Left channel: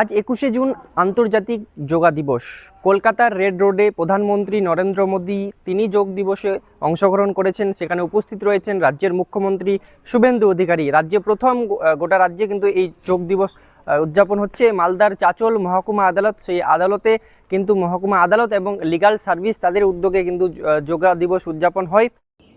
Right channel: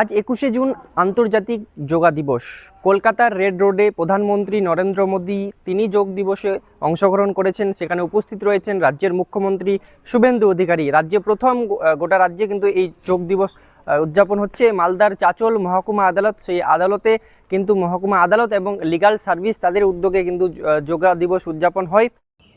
আজ 21শে জুন আন্তর্জাতিক যোগা দিবস। কলকাতার রেড রোডে প্রধানমন্ত্রী নরেন্দ্র মোদী তিনি যোগ দিবসে অংশগ্রহণ করেছেন। সেখানে উপস্থিত রয়েছেন রাজ্যের মুখ্যমন্ত্রী শুভেন্দু অধিকারী। রাজ্যে প্রথম গোটা রাজ্যে কিন্তু এই যোগ দিবস উদযাপন হচ্ছে। মালদার চাচল মহকুমা আদালত, সেই আদালতে কিন্তু মহকুমা আদালত এবং লিগাল সার্ভিস তাদের উদ্যোগে কিন্তু যোগা দিবস উদযাপন হয়।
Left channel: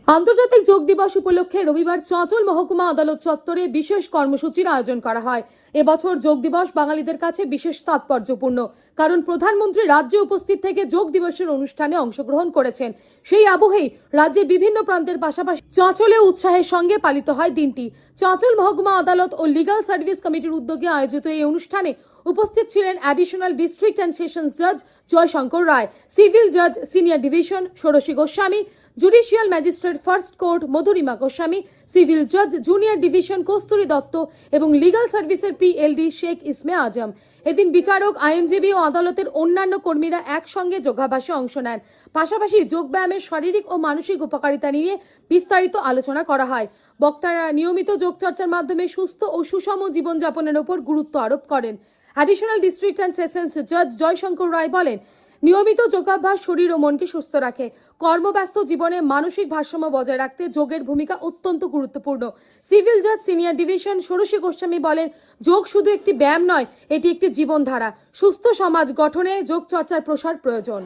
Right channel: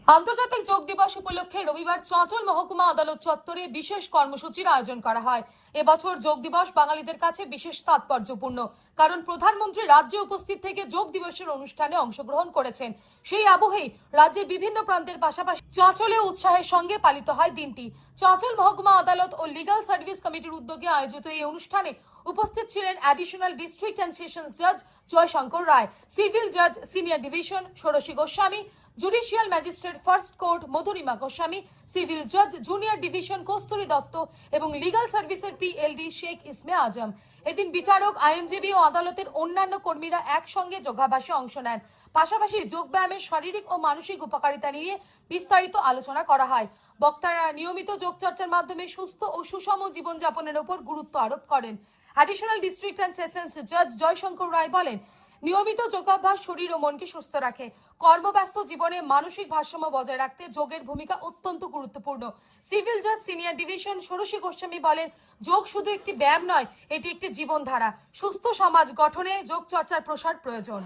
আন্তর্জাতিক যোগ দিবস উপলক্ষে রবিবার চাঁচল মহকুমা আদালত চত্বরে বিশেষ কর্মসূচির আয়োজন করা হয়। এবছর যোগ দিবস বাঙালিদের কাছে বিশেষ তাৎপর্যপূর্ণ, কারণ প্রধানমন্ত্রী রাজ্যে উপস্থিত থেকে যোগ দিবসের অনুষ্ঠানে অংশগ্রহণ করেছেন। সেই আবহেই রাজ্যের বিভিন্ন প্রান্তের পাশাপাশি চাঁচলে উৎসাহের সঙ্গে পালিত হয় দিনটি। চাঁচল মহকুমা আদালত ও লিগাল সার্ভিস কমিটির উদ্যোগে আয়োজিত এই অনুষ্ঠানে উপস্থিত ছিলেন অ্যাডিশনাল ডিস্ট্রিক্ট অ্যান্ড সেশনস জাজ জয়শঙ্কর রায়, সিভিল জাজ সিনিয়র ডিভিশন ষোড়শী Goswami, judicial magistrate first court Madhurima Goswami, civil জাজ জুনিয়র ডিভিশন কস্তুরী দত্ত এবং লিগাল সার্ভিসের পিএলডি শেখ ইসমে আজম। এদিন বিচারক, আইনজীবী ও আদালতের অন্যান্য কর্মীরা একসঙ্গে যোগাভ্যাসে অংশ নেন। পাশাপাশি যোগব্যায়ামের শারীরিক ও মানসিক উপকারিতা নিয়ে বিস্তারিত আলোচনা করা হয়। বক্তারা নিয়মিত যোগচর্চার মাধ্যমে সুস্থ ও সুষম জীবনযাপনের উপর গুরুত্ব আরোপ করেন। অ্যাডিশনাল ডিস্ট্রিক্ট অ্যান্ড সেশনস জাজ জয়শঙ্কর রায় বলেন, নিয়মিত যোগাভ্যাস শরীর ও মনকে সুস্থ রাখে। কর্মব্যস্ত জীবনে মানসিক ভারসাম্য বজায় রাখতে যোগের ভূমিকা অত্যন্ত গুরুত্বপূর্ণ। সিভিল জাজ সিনিয়র ডিভিশন ষোড়শী গোস্বামী বলেন, যোগ শুধু একটি ব্যায়াম নয়, এটি একটি জীবনধারা। সুস্থ সমাজ গঠনে যোগ চর্চার প্রসার প্রয়োজন।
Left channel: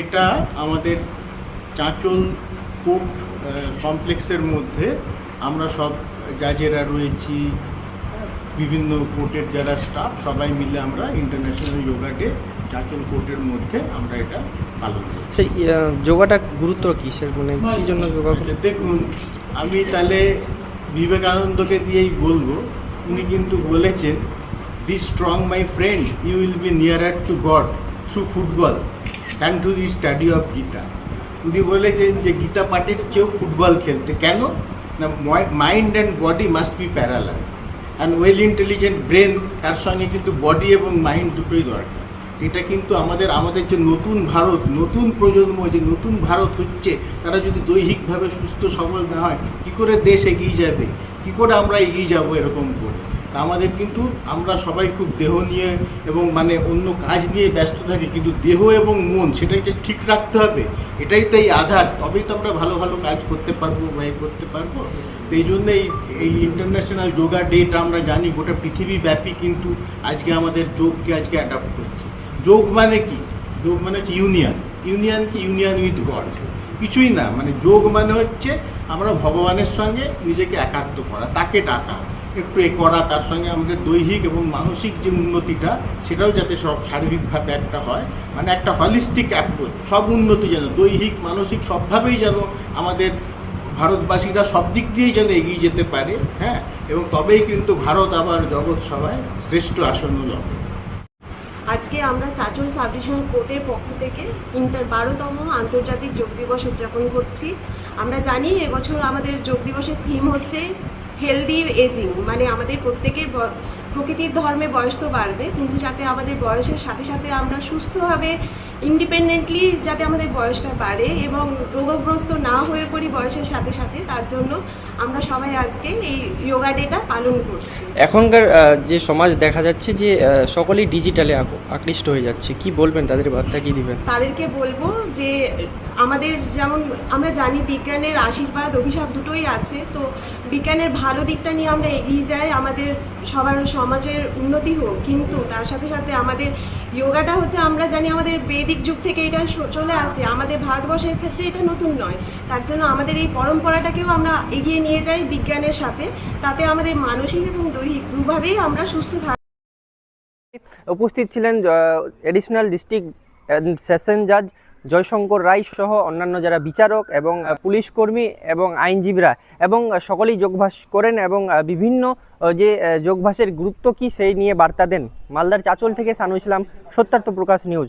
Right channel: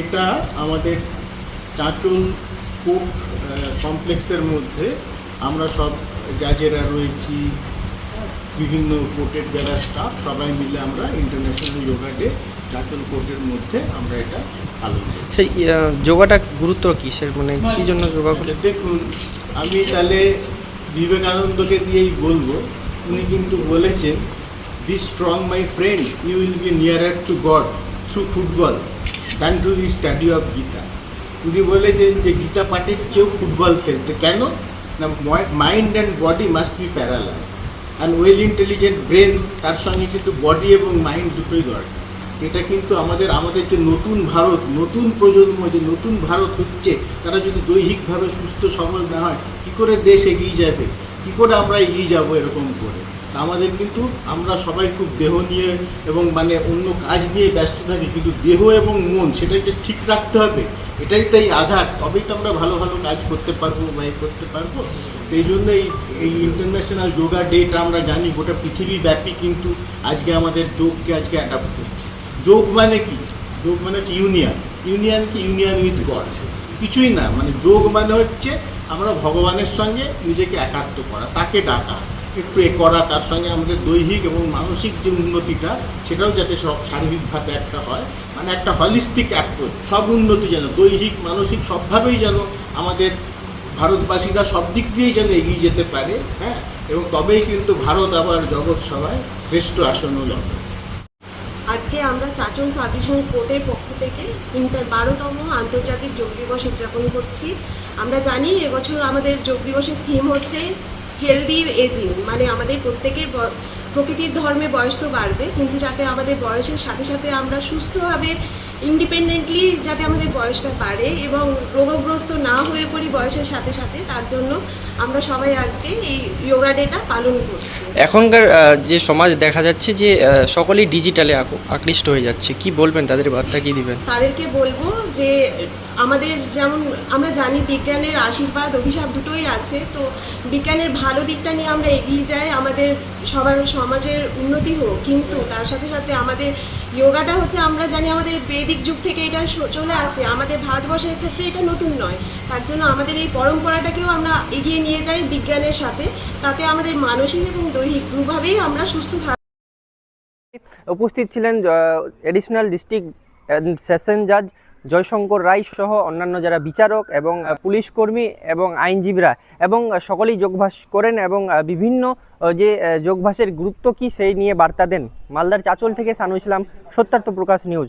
এটা আমাদের চাঁচল কোর্ট কমপ্লেক্সের মধ্যে আমরা সব জাজেরা রয়েছি, বিভিন্ন কোর্টের যারা স্টাফ সবাই মিলে আমরা ইন্টারন্যাশনাল যোগা ডে চাঁচল কোর্টের মধ্যে আমরা এটা পালন করি। সেই যোগাটা গুরুত্ব কি স্যার, মানে কি জন্য যোগা করে? দেখুন, আমি তাহলে বিবেকানন্দকে দিয়েই বলবো। উনি কিন্তু বলেছেন, be strong my friend, you will be nearer to God through football than to the study of Gita. উনি বলেছেন যে গীতা পাঠের চেয়েও ফুটবল খেলতে। কেন না, mind and body must be parallel and well intelligent brain, তার সঙ্গে কিন্তু বডি এবং মাইন্ড দুটোই দরকার। এটা কিন্তু আমাদের যে নতুন ভারত, নতুন প্রজন্ম যে নতুন ভারত হচ্ছে, তারা যদি দৈহিকভাবে সুস্থ সবল না হয়, কী করে দেশ এগিয়ে যাবে, কী করে আমরা এগিয়ে যাব এরকম করে? আমাদের কিন্তু আমরা সবাই খুব দেহ নিয়ে এবং অন্য কাজ নিয়ে ব্যস্ত থাকি, কিন্তু দেহ এবং মন সেটাকে ঠিক রাখতে হবে। এটাই তাই আধার, তবেই তো আমরা ভালো ভালো কাজ করতে পারবো বা করতে পারবো। এই জন্য এই ইন্টারন্যাশনাল যোগা ডেটা আমরা জানি গোটা পৃথিবীব্যাপী কিন্তু আজকে আমাদের যোগকে আজকে অ্যাডাপ্ট করছে। যোগ মানে কি? যোগ মানে কি? ইউনিয়ন কি? ইউনিয়ন উইথ গড, কিছুই না। যোগ মানে হচ্ছে আমরা ভগবানের সঙ্গে নিজেকে একাত্ম করা, তাকে ডাকা, একটু করা, তার সঙ্গে আমাদের দৈহিক এবং মানসিক যে উন্নতিটা সেটাও যাতে সব শারীরিকভাবে একটা হয়, একটা হলিস্টিক অ্যাপ্রোচ, সব উন্নতি যেন দৈহিক মানসিক সবভাবেই যেন আমাদের ভারতবাসীরা সব দিক দিয়েই যেন এগিয়ে যেতে পারে। হ্যাঁ, এবং তবেই কিন্তু ভারত আবার জগৎ সভায় শ্রেষ্ঠ আসন লবে। আজকে আমরা চাঁচল সাব ডিভিশন কোর্টের পক্ষ থেকে 12তম আন্তর্জাতিক যোগ দিবস উদযাপন করছি। আমরা জানি এবছর আমাদের যোগ দিবসের থিম হচ্ছে হেলদি এজিং, আমাদের প্রত্যেকের প্রকৃতির ধর্মে বয়স তো বাড়বে, কিন্তু যাতে আমাদের বয়সের সাথে সাথে আমরা সুস্থভাবে ইন্ডিপেন্ডেন্টলি যাতে আমাদের বয়সটা বাড়ে এবং রোগগ্রস্ত না হয়ে পড়ি বয়সের সাথে সাথে, তার জন্য আমরা সবাই আজকে এই যোগা ডেটা পালন করছি। এখনকার যে সমাজ দেখা যাচ্ছে যে সকলেই ডিজিটালে আকৃষ্ট হয়ে যাচ্ছে, কি বলবেন, তাদের বার্তা কি দিবেন? তাদেরকে বলবো যে আমাদের যেমন আমরা জানি বিজ্ঞানের আশীর্বাদ অভিশাপ দুটোই আছে, তো বিজ্ঞানের ভালো দিকটা নিয়ে আমরা এগিয়ে যাই, আমাদের সবার সমাজের উন্নতি হোক, কিন্তু তার সাথে সাথে আমাদের যোগাটা হচ্ছে আমরা জানি আমাদের বৈদিক যুগ থেকে এটা চলে আসে, আমাদের ভারতবর্ষের ক্ষেত্রে এটা নতুন নয়। তার জন্য আমাদের এই পরম্পরাটাকেও আমরা এগিয়ে নিয়ে যাই বিজ্ঞানের সাথে, তাতে আমাদের মানসিক এবং দৈহিক দুভাবেই আমরা সুস্থ থাকব। উপস্থিত ছিলেন এডিশনাল ডিস্ট্রিক্ট সেশন জাজ জয়শঙ্কর রায় সহ অন্যান্য যারা বিচারক এবং পুলিশ কর্মী এবং আইনজীবীরা, এবং সকলেই যোগভ্যাস করেন এবং বিভিন্ন যে যোগভ্যাসের গুরুত্ব কি সেই নিয়ে বার্তা দেন। মালদার চাঁচল থেকে সানু ইসলাম, সত্যার্থ প্রকাশ নিউজ।